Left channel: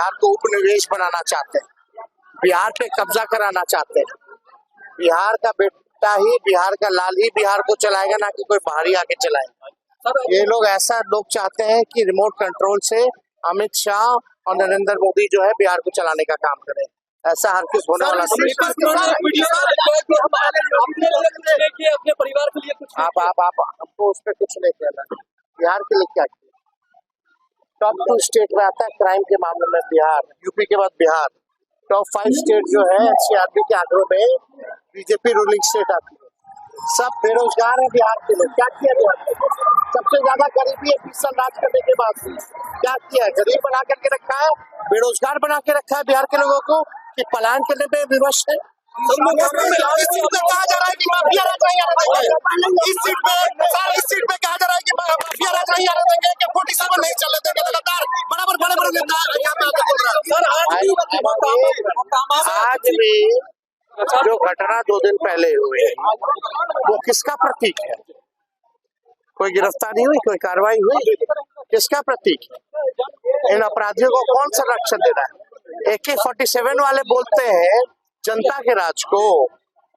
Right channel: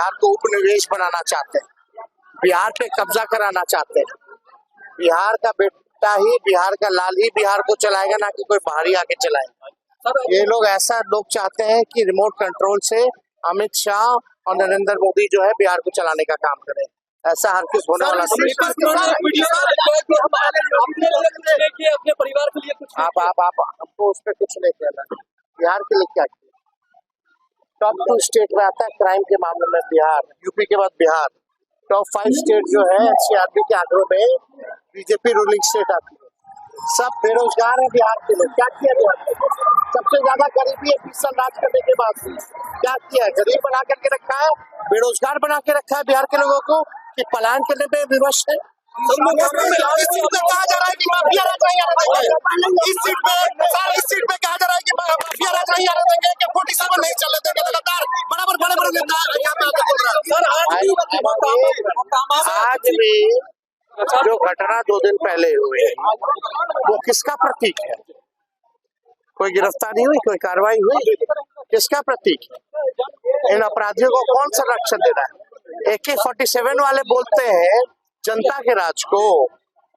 बिहार को उपनिवेश बनाना चाहते हैं, बिहार पे कब्जा कराना चाहते हैं। बिहार का बेटा ही, बिहार का लाल ही बिहार को चलाएगा, ना कि कोई बाहरी आके चलाएगा। ये लोग ऐसा लोग चाहते हैं कि रिमोट कंट्रोल से अमित शाह और नरेंद्र मोदी जो है बिहार को चलाने का काम करें। ऐसा हर किस होने वाला अपने परिवार के लिए कुछ आप हमको उस पर कुछ नहीं कहना। बिहार के लिए क्या किया? टॉप 2 स्टेट में आता है क्राइम के मामले में बिहार, यूपी के बाद बिहार। टॉप 5 स्टेट जो है एनसीआरबी के आंकड़ों में बीजेपी रूलिंग स्टेट आती है। सब बेरोजगार है बिहार के लोग। क्या किया बिहार में? सबसे ज्यादा गरीबी है 20 साल राज करने के बाद। क्या किया है? गरीब बना करके रखा है, बेरोजगार बना के रखा है बिहार के लोगों को, कि पलायन करने पे विवश है। इस सीट पे कहा जा रहा है कि माफिया राज नहीं आने देंगे। इस सीट पे कहा जा रहा है कि माफिया राज नहीं आने देंगे, कि 47 नहीं चलने देंगे। लगातार बड़े नेता आज भी जो घटना 2 दिन पहले हुई वो किसका प्रतीक है? कोई गिरफ्तारी हुई, कोई कार्रवाई हुई? किसका प्रतीक है? इन अपराधियों को कौन संरक्षण दे रहा है? AK-47 वाले बोलते हैं जनता के राज को,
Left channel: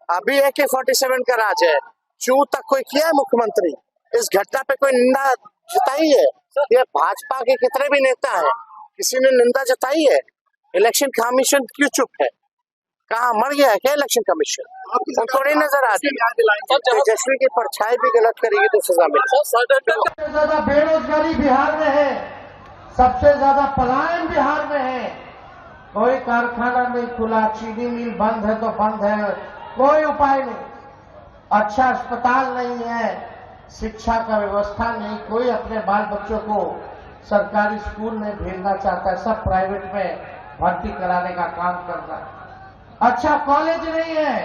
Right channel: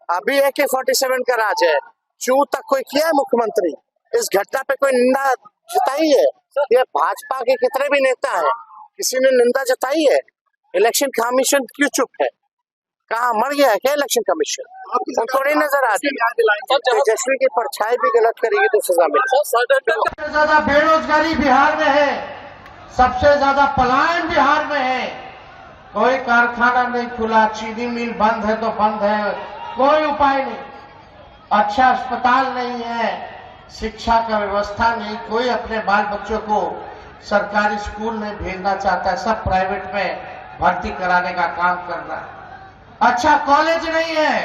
अभी AK-47 का राज है। चू तक कोई किया है मुख्यमंत्री? इस घटना पे कोई निंदा जताई है? ये भाजपा के कितने भी नेता हैं, किसी ने निंदा जताई है? इलेक्शन कमीशन क्यों चुप है? कहाँ मर गया है क्या इलेक्शन कमीशन? उनको नहीं नजर आती। तेजस्वी की परछाई भी गलत करेगी तो सजा मिलेगी। सबसे ज्यादा बेरोजगारी बिहार में है, सबसे ज्यादा पलायन बिहार में है। कोई कारखाना नहीं खुला, चीनी मिल बंद है तो बंद है, कोई उपाय नहीं। अच्छा अस्पताल नहीं है, शिक्षा का व्यवस्था नहीं, कोई अपने बाल बच्चों को सरकारी स्कूल नहीं भेजना चाहता है, सब प्राइवेट में भर्ती कराने का काम कर रहा है। अच्छा कॉलेज नहीं है,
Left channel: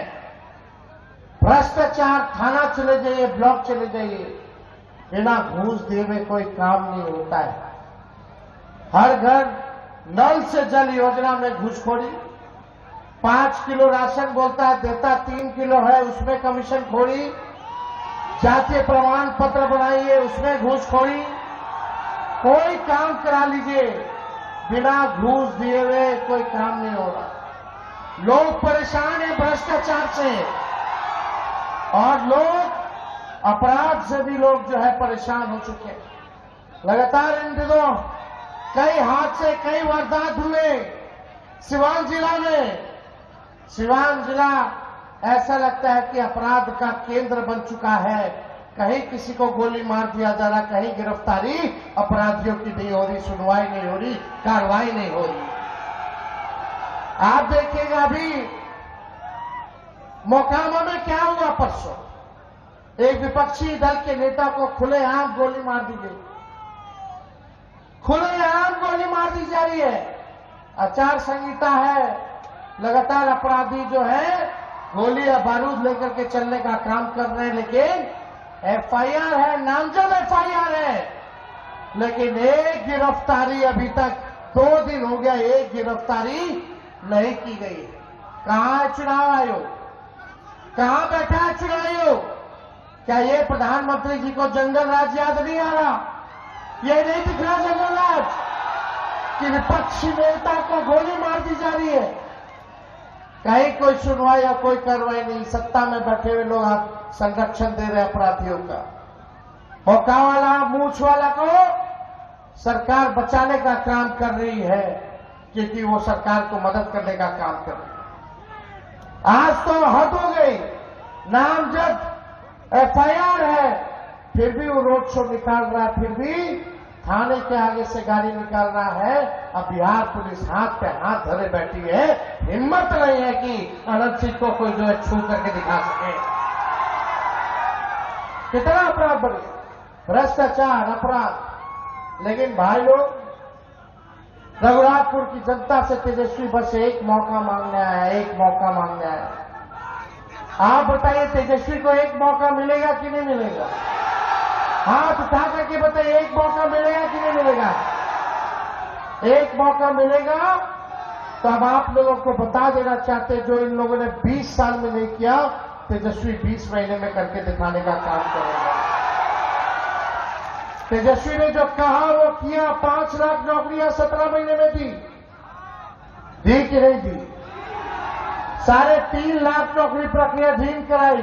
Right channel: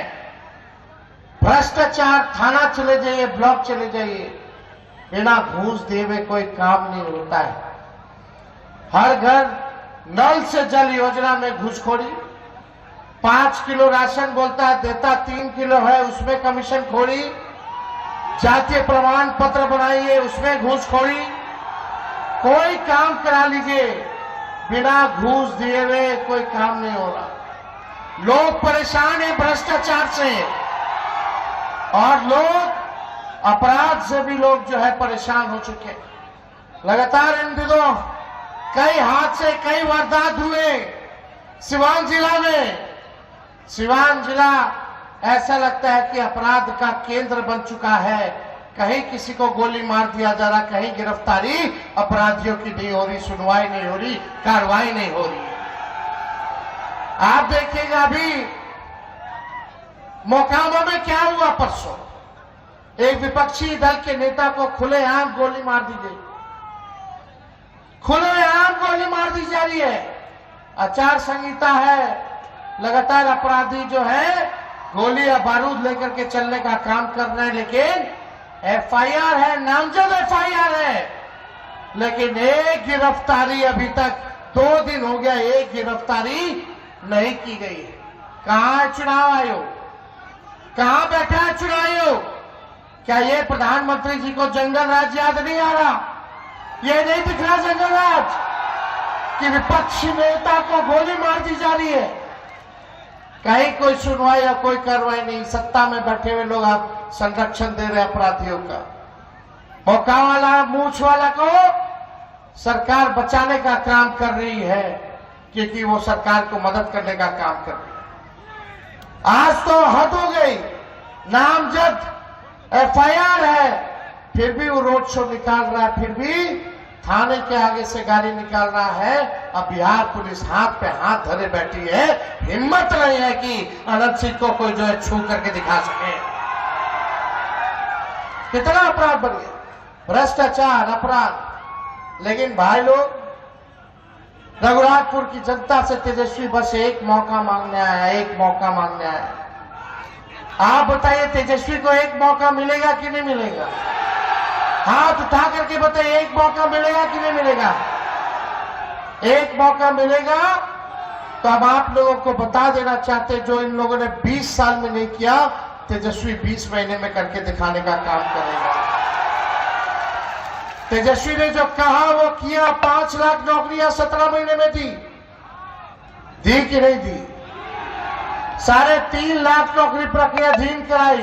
भ्रष्टाचार, थाना चले जाइए, ब्लॉक चले जाइए, बिना घूस दिए हुए कोई काम नहीं होता है। हर घर नल से जल योजना में घूसखोरी, 5 किलो राशन बोलता है देता 3 किलो है, उसमें कमीशन खोरी। जातीय प्रमाण पत्र बनाइए, उसमें घूसखोरी। कोई काम करा लीजिए, बिना घूस दिए हुए कोई काम नहीं हो रहा। लोग परेशान है भ्रष्टाचार से, और लोग अपराध से भी लोग जो है परेशान हो चुके हैं। लगातार इन दिनों कई हादसे, कई वारदात हुए सिवान जिला में। सिवान जिला ऐसा लगता है कि अपराध का केंद्र बन चुका है। कहीं किसी को गोली मार दिया जा रहा, कहीं गिरफ्तारी अपराधियों की नहीं हो रही, सुनवाई नहीं हो रही, कार्रवाई नहीं हो रही। आप देखिएगा अभी मोकामा में क्या हुआ परसों, एक विपक्षी दल के नेता को खुलेआम गोली मार दी गई, खुलेआम गोली मार दी जा रही है। आचार संहिता है, लगातार अपराधी जो है गोली या बारूद लेकर के चलने का काम कर रहे हैं, लेकिन FIR है, नामजद FIR है, लेकिन एक गिरफ्तारी अभी तक 2 दिन हो गया, एक गिरफ्तारी नहीं की गई है। कहां है चुनाव आयोग? कहां बैठा है चुनाव आयोग? क्या ये प्रधानमंत्री जी को जंगल राज याद नहीं आ रहा? ये नहीं दिख रहा जंगल राज कि विपक्षी नेता को गोली मार दी जा रही है? कहीं कोई सुनवाई या कोई कार्रवाई नहीं। सत्ता में बैठे हुए लोग आप संरक्षण दे रहे अपराधियों का। मौका वाला, मूछ वाला को सरकार बचाने का काम कर रही है, क्योंकि वो सरकार को मदद करने का काम कर रही है। आज तो हद हो गई, नामजद FIR है, फिर भी वो रोड शो निकाल रहा है, फिर भी थाने के आगे से गाड़ी निकाल रहा है। अब बिहार पुलिस हाथ पे हाथ धरे बैठी है, हिम्मत नहीं है कि अनंत सिंह को कोई जो है छू करके दिखा सके। कितना अपराध बढ़ गया, भ्रष्टाचार, अपराध। लेकिन भाई लोग, रघुनाथपुर की जनता से तेजस्वी बस एक मौका मांगने आया, एक मौका मांगने आया। आप बताइए तेजस्वी को एक मौका मिलेगा कि नहीं मिलेगा? हाथ उठा करके बताइए, एक मौका मिलेगा कि नहीं मिलेगा? एक मौका मिलेगा। तो अब आप लोगों को बता देना चाहते, जो इन लोगों ने 20 साल में नहीं किया, तेजस्वी 20 महीने में करके दिखाने का काम करेगा। तेजस्वी ने जो कहा वो किया। 5 लाख नौकरियां 17 महीने में दी। दी कि नहीं दी? 3.5 लाख नौकरी प्रक्रियाधीन कराई,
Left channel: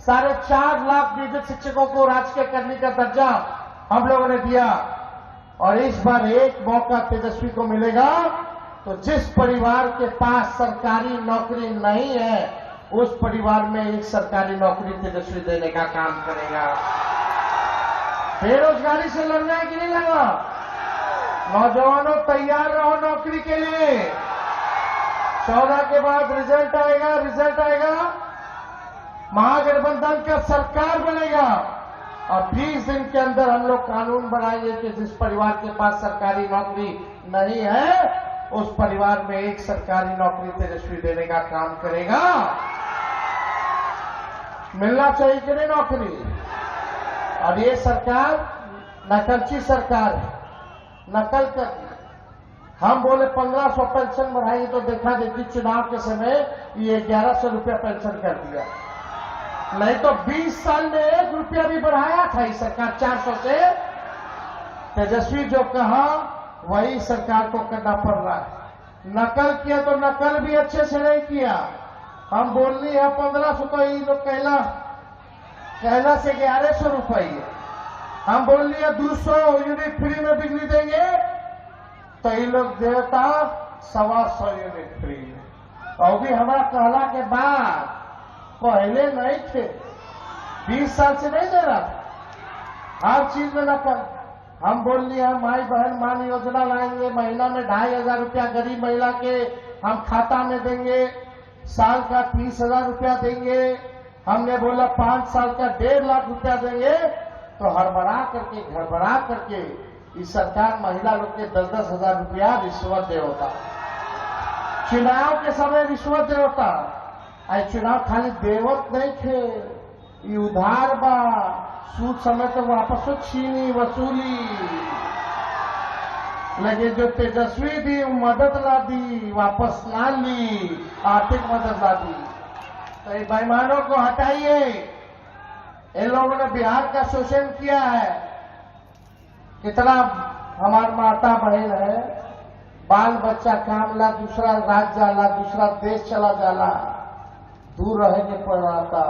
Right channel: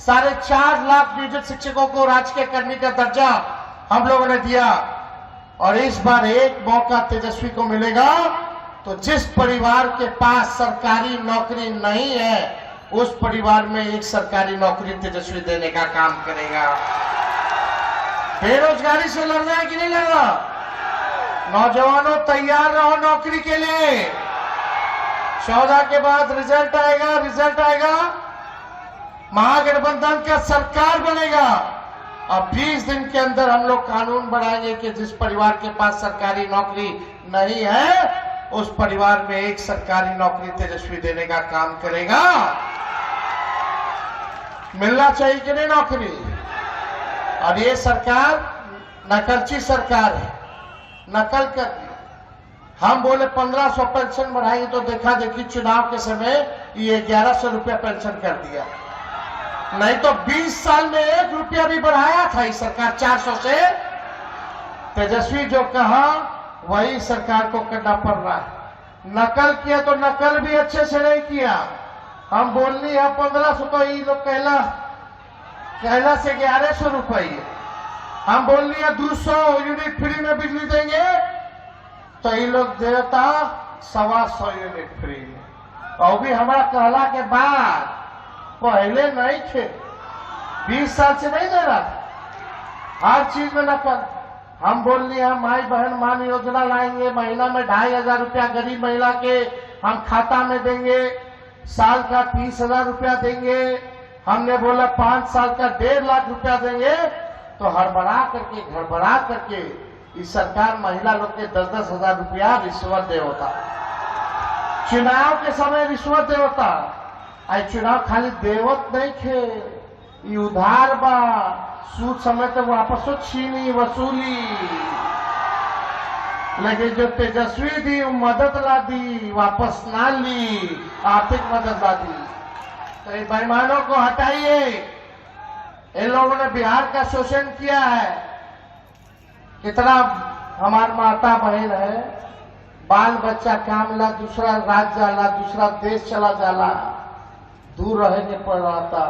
4.5 लाख नियोजित शिक्षकों को राजकीय कर्मी का दर्जा हम लोगों ने दिया। और इस बार एक मौका तेजस्वी को मिलेगा तो जिस परिवार के पास सरकारी नौकरी नहीं है उस परिवार में एक सरकारी नौकरी तेजस्वी देने का काम करेगा। बेरोजगारी से लड़ना है कि नहीं लड़ना? नौजवानों तैयार रहो नौकरी के लिए। 14 के बाद रिजल्ट आएगा, महागठबंधन का सरकार बनेगा और 20 दिन के अंदर हम लोग कानून बनाएंगे कि जिस परिवार के पास सरकारी नौकरी नहीं है उस परिवार में एक सरकारी नौकरी तेजस्वी देने का काम करेगा। मिलना चाहिए कि नहीं नौकरी? और ये सरकार नकलची सरकार है, नकल कर दी। हम बोले 1500 पेंशन बढ़ाएंगे तो देखा देखी चुनाव के समय ये 1100 रुपया पेंशन कर दिया। नहीं तो 20 साल में 1 रुपया भी बढ़ाया था इस सरकार 400 से। तेजस्वी जो कहा वही सरकार को करना पड़ रहा है। नकल किया तो नकल भी अच्छे से नहीं किया। हम बोलनी है 1500 तो ये लोग कहला से 1100 रुपये। हम बोलनी है 200 यूनिट फ्री में बिजली देंगे तो ये लोग देता 125 यूनिट फ्री में। और भी हमारा कहला के बाद पहले नहीं थे, 20 साल से नहीं दे रहा था। हर चीज में नकल। हम बोलनी है माई बहन मान योजना लाएंगे, महीना में 2500 रुपया गरीब महिला के हम खाता में देंगे, साल का 30,000 रुपया देंगे। हमने बोला 5 साल का 1.5 लाख रुपया देंगे। तो गड़बड़ा करके इस सरकार महिला लोग के 10-10 हजार रुपया रिश्वत दे होता। चुनाव के समय रिश्वत दे होता। आई चुनाव खाली देवत नहीं थे, ये उधार बा, सूद समय तो वापसो छीनी वसूली। लेकिन जो तेजस्वी दी मदद ला दी, वापस ना ली, आर्थिक मदद ला दी। तो इन बेईमानों को हटाइए। इन लोगों ने बिहार का शोषण किया है। कितना हमार माता बहन है, बाल बच्चा काम ला दूसरा राज्य जाला, दूसरा देश चला जाला, दूर रह के पड़ रहा था।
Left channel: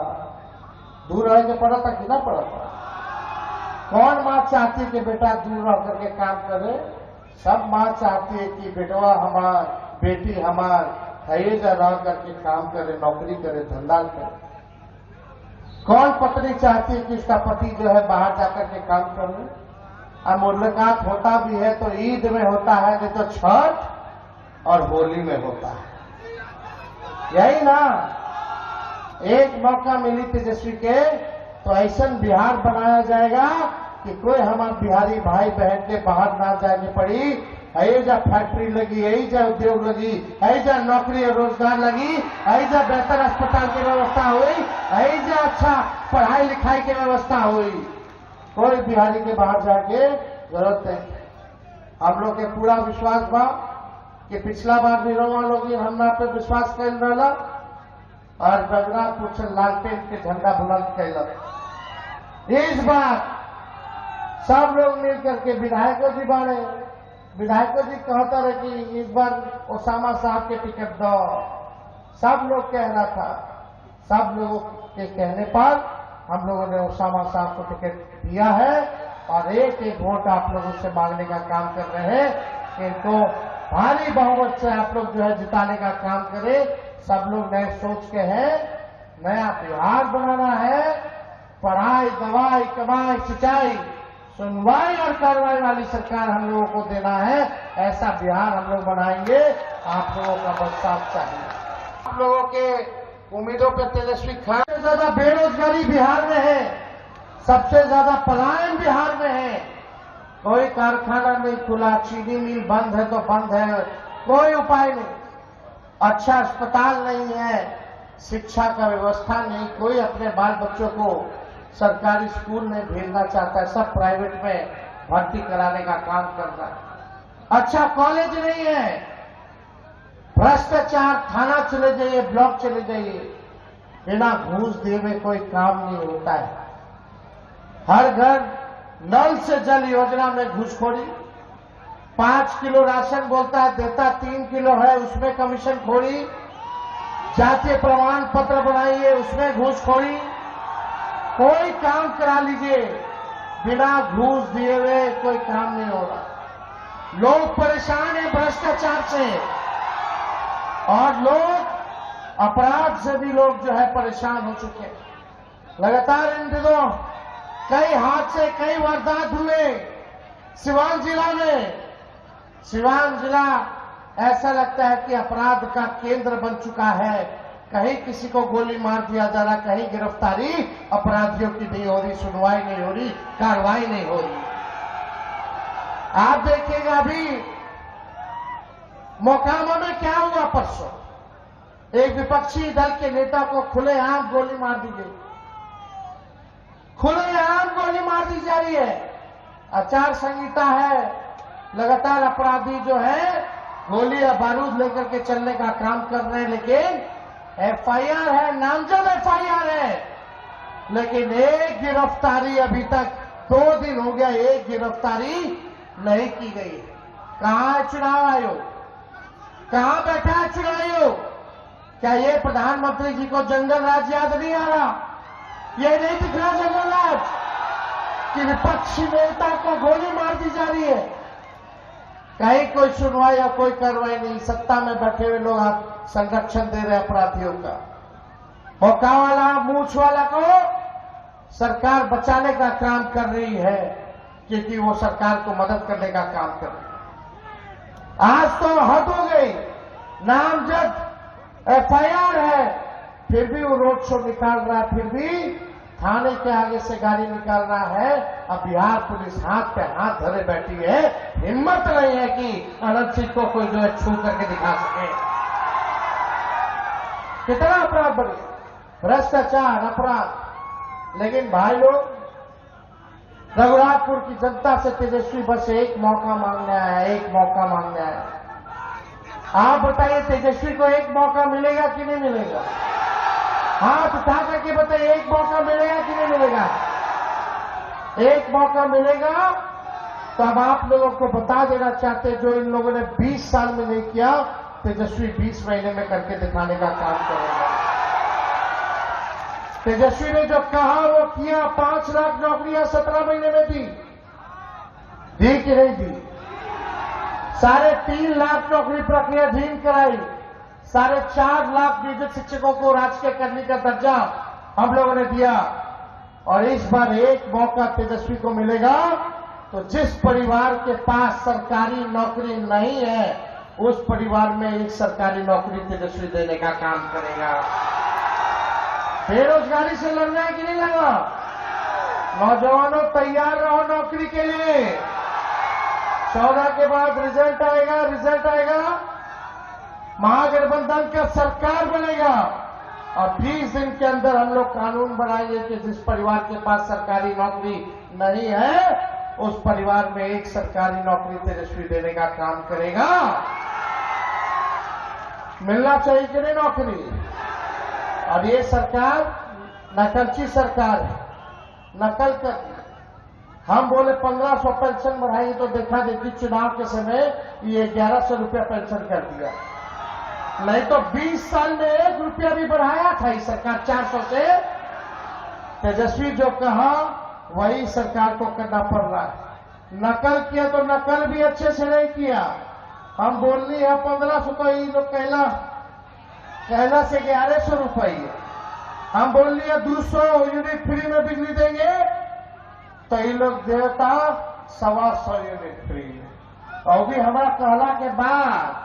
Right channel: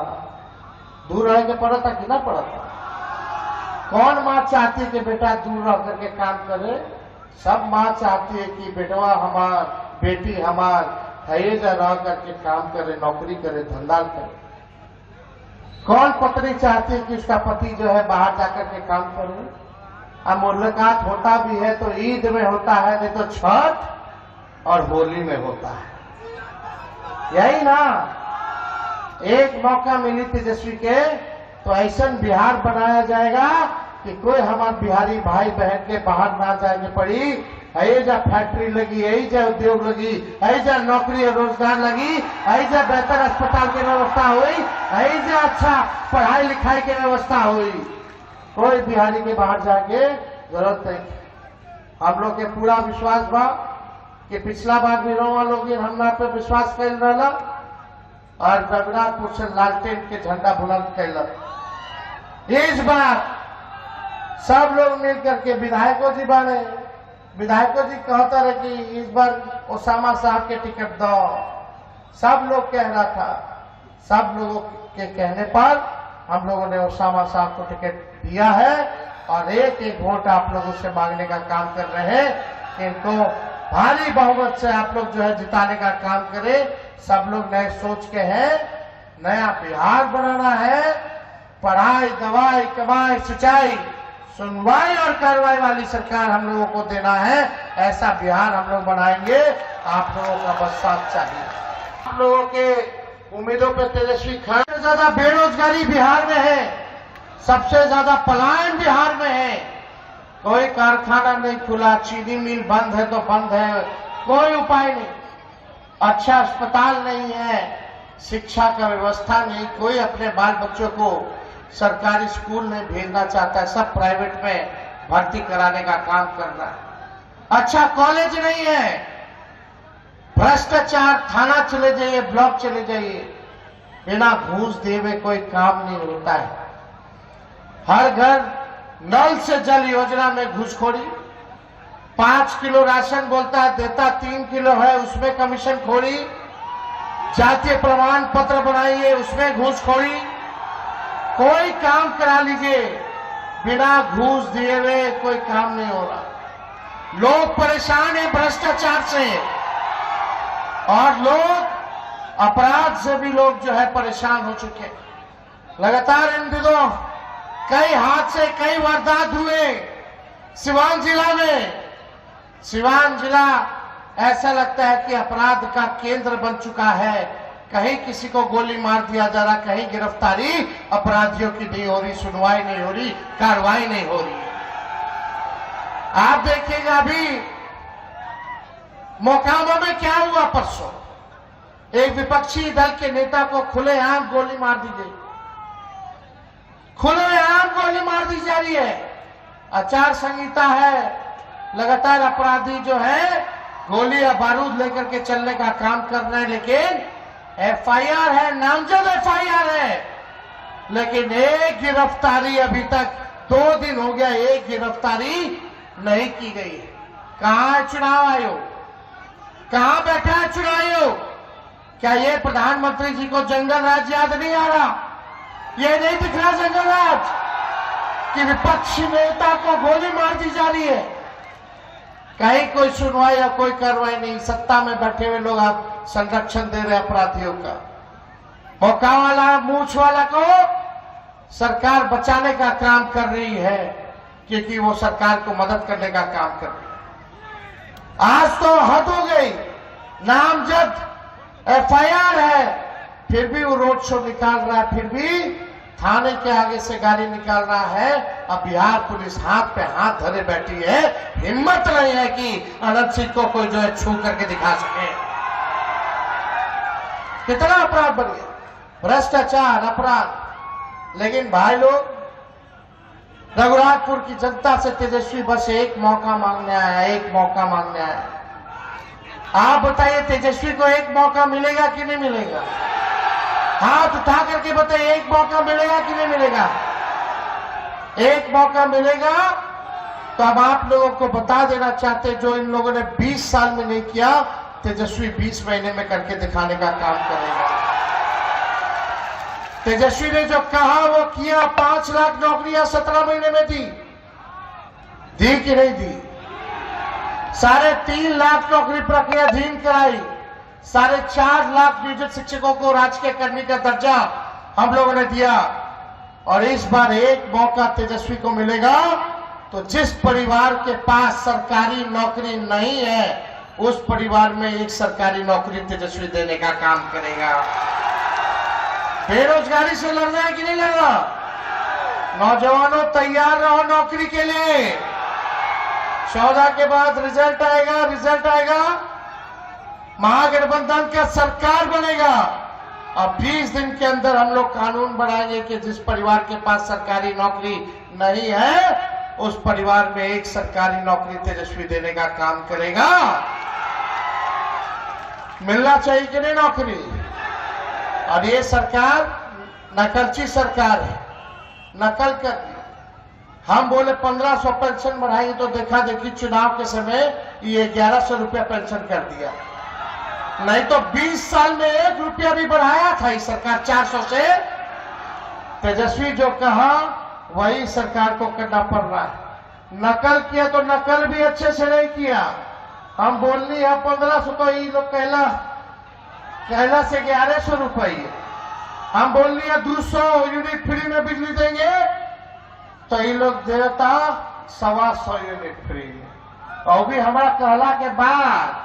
दूर रह के पड़ा था कि ना पड़ा था? कौन माँ चाहती कि बेटा दूर रह करके काम करे? सब माँ चाहती है कि बेटवा हमार, बेटी हमार है जा रह करके काम करे, नौकरी करे, धंधा करे। कौन पत्नी चाहती है कि उसका पति जो है बाहर जाकर के काम करे? अब मुलाकात होता भी है तो ईद में होता है, नहीं तो छठ और होली में होता है। यही ना एक मौका मिली तेजस्वी के तो ऐसा बिहार बनाया जाएगा कि कोई हमारे बिहारी भाई बहन के बाहर ना जाने पड़ी। ऐजा फैक्ट्री लगी, ऐजा उद्योग लगी, ऐजा नौकरी और रोजगार लगी, ऐजा बेहतर अस्पताल की व्यवस्था हुई, ऐजा अच्छा पढ़ाई लिखाई की व्यवस्था हुई। कोई बिहारी के बाहर जाके जरूरत नहीं। हम लोग के पूरा विश्वास बा कि पिछला बार भी रोवा लोग हमरा पे विश्वास कर रहा और रघुनाथपुर से लालटेन के झंडा बुलंद कैलक। इस बार सब लोग मिलकर के विधायकों जी बने। विधायकों जी कहता रहे कि इस बार ओसामा साहब के टिकट दो। सब लोग कह रहा था। सब लोगों के कहने पर हम लोगों ने ओसामा साहब को टिकट दिया है और एक वोट आप लोगों से मांगने का काम कर रहे हैं। इनको भारी बहुमत से आप लोग जो है जिताने का काम करें। सब लोग नए सोच के हैं, नया बिहार बनाना है। पढ़ाई, दवाई, कमाई, सिंचाई, सुनवाई और कार्रवाई वाली सरकार हम लोगों को देना है। ऐसा बिहार हम लोग बनाएंगे। आप लोगों का बस साथ चाहिए। आप लोगों के उम्मीदों पर तेजस्वी खड़े। सबसे ज्यादा बेरोजगारी बिहार में है, सबसे ज्यादा पलायन बिहार में है। कोई कारखाना नहीं खुला, चीनी मिल बंद है तो बंद है, कोई उपाय नहीं। अच्छा अस्पताल नहीं है, शिक्षा का व्यवस्था नहीं, कोई अपने बाल बच्चों को सरकारी स्कूल नहीं भेजना चाहता है, सब प्राइवेट में भर्ती कराने का काम कर रहा है। अच्छा कॉलेज नहीं है, भ्रष्टाचार, थाना चले जाइए, ब्लॉक चले जाइए, बिना घूस दिए हुए कोई काम नहीं होता है। हर घर नल से जल योजना में घूसखोरी, 5 किलो राशन बोलता है देता 3 किलो है, उसमें कमीशन खोरी। जातीय प्रमाण पत्र बनाइए, उसमें घूसखोरी। कोई काम करा लीजिए, बिना घूस दिए हुए कोई काम नहीं हो रहा। लोग परेशान हैं भ्रष्टाचार से, और लोग अपराध से भी लोग जो है परेशान हो चुके हैं। लगातार इन दिनों कई हादसे, कई वारदात हुए सिवान जिला में। सिवान जिला ऐसा लगता है कि अपराध का केंद्र बन चुका है। कहीं किसी को गोली मार दिया जा रहा, कहीं गिरफ्तारी अपराधियों की नहीं हो रही, सुनवाई नहीं हो रही, कार्रवाई नहीं हो रही। आप देखिएगा अभी मोकामा में क्या हुआ परसों, एक विपक्षी दल के नेता को खुलेआम गोली मार दी गई। खुलेआम गोली मार दी जा रही है। आचार संहिता है, लगातार अपराधी जो है गोली या बारूद लेकर के चलने का काम कर रहे हैं, लेकिन एफआईआर है, नामजद एफआईआर है, लेकिन एक गिरफ्तारी अभी तक 2 दिन हो गया, एक गिरफ्तारी नहीं की गई। कहां है चुनाव आयोग? कहां बैठा है चुनाव आयोग? क्या ये प्रधानमंत्री जी को जंगल राज याद नहीं आ रहा? ये नहीं दिख रहा जंगल राज कि विपक्षी नेता को गोली मार दी जा रही है? कहीं कोई सुनवाई या कोई कार्रवाई नहीं। सत्ता में बैठे हुए लोग आप संरक्षण दे रहे अपराधियों का। मौका वाला, मूछ वाला को सरकार बचाने का काम कर रही है, क्योंकि वो सरकार को मदद करने का काम कर रही है। आज तो हद हो गई, नामजद एफआईआर है, फिर भी वो रोड शो निकाल रहा है, फिर भी थाने के आगे से गाड़ी निकाल रहा है। अब बिहार पुलिस हाथ पे हाथ धरे बैठी है, हिम्मत नहीं है कि अनंत सिंह को कोई जो है छू करके दिखा सके। कितना अपराध बढ़ गया, भ्रष्टाचार, अपराध। लेकिन भाई लोग, रघुनाथपुर की जनता से तेजस्वी बस एक मौका मांगने आया, एक मौका मांगने आया। आप बताइए तेजस्वी को एक मौका मिलेगा कि नहीं मिलेगा? हाथ उठा करके बताइए, एक मौका मिलेगा कि नहीं मिलेगा? एक मौका मिलेगा। तो अब आप लोगों को बता देना चाहते, जो इन लोगों ने 20 साल में नहीं किया, तेजस्वी 20 महीने में करके दिखाने का काम करेगा। तेजस्वी ने जो कहा वो किया। 5 लाख नौकरियां 17 महीने में दी कि नहीं दी? 3.5 लाख नौकरी प्रक्रियाधीन कराई। 4.5 लाख नियोजित शिक्षकों को राजकीय कर्मी का दर्जा हम लोगों ने दिया। और इस बार एक मौका तेजस्वी को मिलेगा, तो जिस परिवार के पास सरकारी नौकरी नहीं है, उस परिवार में एक सरकारी नौकरी तेजस्वी देने का काम करेगा। बेरोजगारी से लड़ना है कि नहीं लड़ना? नौजवानों तैयार रहो नौकरी के लिए। 14 के बाद रिजल्ट आएगा, रिजल्ट आएगा, महागठबंधन का सरकार बनेगा। अब 20 दिन के अंदर हम लोग कानून बनाएंगे कि जिस परिवार के पास सरकारी नौकरी नहीं है, उस परिवार में एक सरकारी नौकरी तेजस्वी देने का काम करेगा। मिलना चाहिए कि नहीं नौकरी? और ये सरकार नकलची सरकार है, नकल कर। हम बोले 1500 पेंशन बढ़ाएंगे, तो देखा देखी चुनाव के समय ये 1100 रुपया पेंशन कर दिया। नहीं तो 20 साल में 1 रुपया भी बढ़ाया था इस सरकार 400 से। तेजस्वी जो कहा वही सरकार को करना पड़ रहा है। नकल किया तो नकल भी अच्छे से नहीं किया। हम बोलनी है 1500, तो ये लोग कहला से 1100 रुपये। हम बोलनी है 200 यूनिट फ्री में बिजली देंगे, तो ये लोग देता 125 यूनिट फ्री। और भी हमारा कहला के बाद,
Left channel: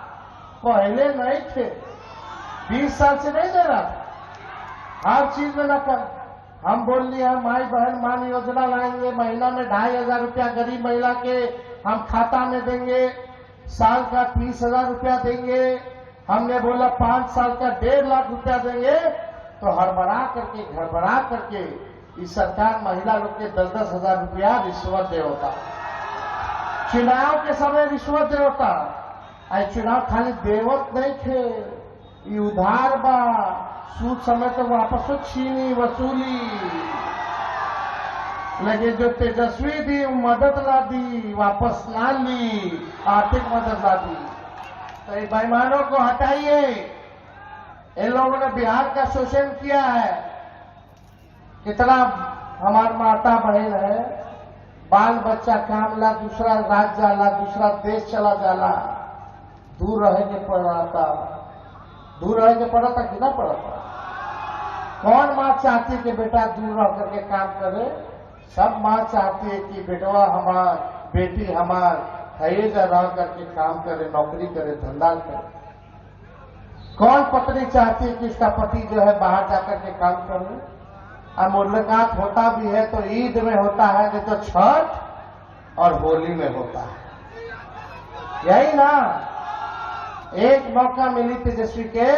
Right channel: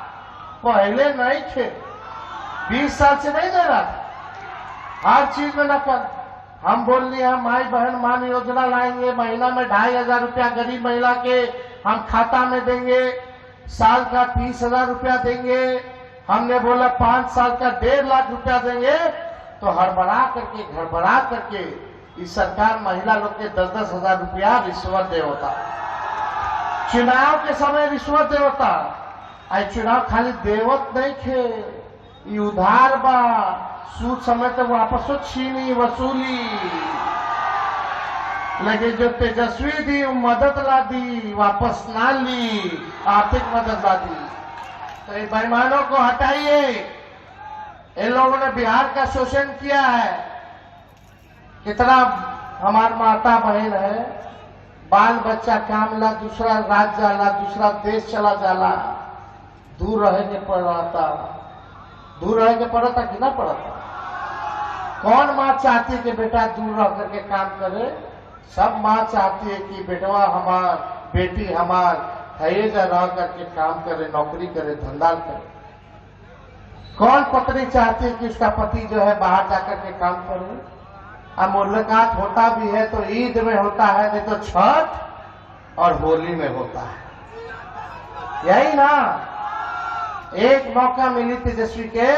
पहले नहीं थे, 20 साल से नहीं दे रहा था, हर चीज में नकल। हम बोल लिया माई बहन मान योजना लाएंगे, महीना में 2500 रुपया गरीब महिला के हम खाता में देंगे, साल का 30,000 रुपया देंगे। हमने बोला 5 साल का 1.5 लाख रुपया देंगे। तो हड़बड़ा करके इस सरकार महिला लोग के 10-10 हजार रुपया रिश्वत दे होता। चुनाव के समय रिश्वत दे होता। आई चुनाव खाली देवत नहीं खे, ये उधार बा, सूद समय तो वापसो छीनी वसूली। लेकिन जो तेजस्वी दी वो मदद ला दी, वापस ना ली, आर्थिक मदद ला दी। तो इन बेईमानों को हटाइए। इन लोगों ने बिहार का शोषण किया है। कितना हमार माता बहन है, बाल बच्चा काम ला दूसरा राज्य जाला, दूसरा देश चला जाला, दूर रह के पड़ता, दूर रह के पड़ता कि ना पड़ता। कौन माँ चाहती है कि बेटा दूर रह करके काम करे? सब माँ चाहती है कि बेटवा हमार, बेटी हमार हयेजा रह करके काम करे, नौकरी करे, धंधा करे। कौन पत्नी चाहती है कि उसका पति जो है बाहर जाकर के काम करे? अब मुलाकात होता भी है तो ईद में होता है, नहीं तो छठ और होली में होता है। यही ना, एक मौका मिली तेजस्वी के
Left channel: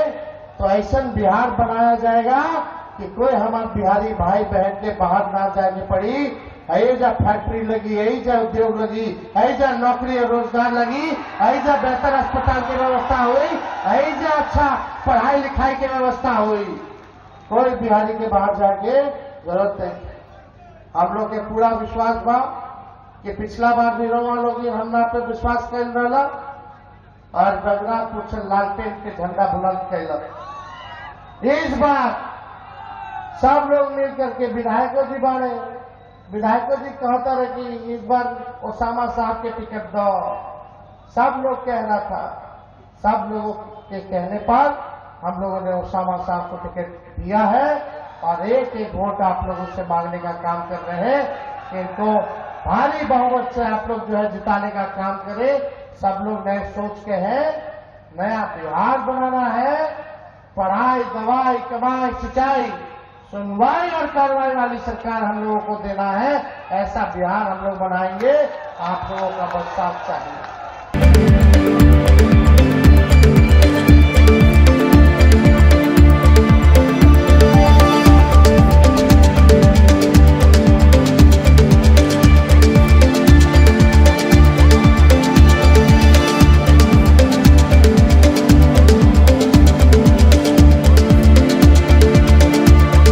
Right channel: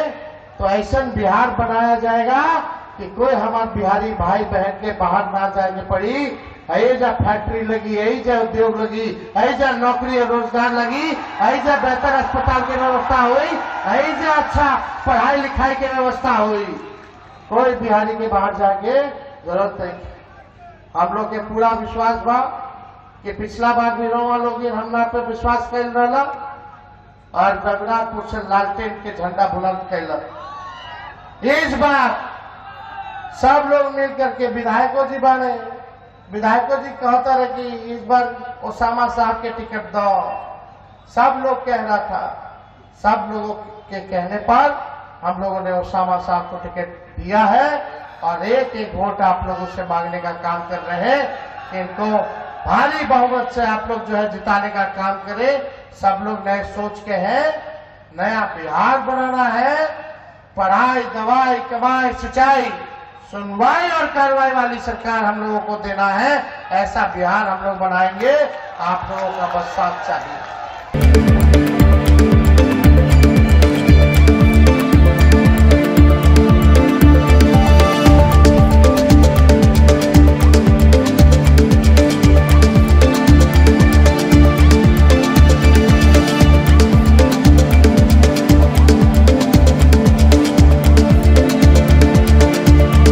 तो ऐसा बिहार बनाया जाएगा कि कोई हमारे बिहारी भाई बहन के बाहर ना जाने पड़ी। ऐजा फैक्ट्री लगी, ऐजा उद्योग लगी, ऐजा नौकरी और रोजगार लगी, ऐजा बेहतर अस्पताल की व्यवस्था हुई, ऐजा अच्छा पढ़ाई लिखाई की व्यवस्था हुई। कोई बिहारी के बाहर जाके जरूरत नहीं। हम लोग के पूरा विश्वास बा कि पिछला बार भी रोवा लोग हमरा पे विश्वास कर रहा और रघुनाथपुर से लालटेन के झंडा बुलंद कैलक। इस बार सब लोग मिलकर के विधायकों जी बने, विधायकों जी कहता रहे कि इस बार ओसामा साहब के टिकट दो। सब लोग कह रहा था, सब लोगों के कहने पर हम लोगों ने ओसामा साहब को टिकट दिया है और एक एक वोट आप लोगों से मांगने का काम कर रहे हैं। इनको भारी बहुमत से आप लोग जो है जिताने का काम करें। सब लोग नए सोच के हैं, नया बिहार बनाना है। पढ़ाई, दवाई, कमाई, सिंचाई, सुनवाई और कार्रवाई वाली सरकार हम लोगों को देना है। ऐसा बिहार हम लोग बनाएंगे। आप लोगों का बस साथ चाहिए।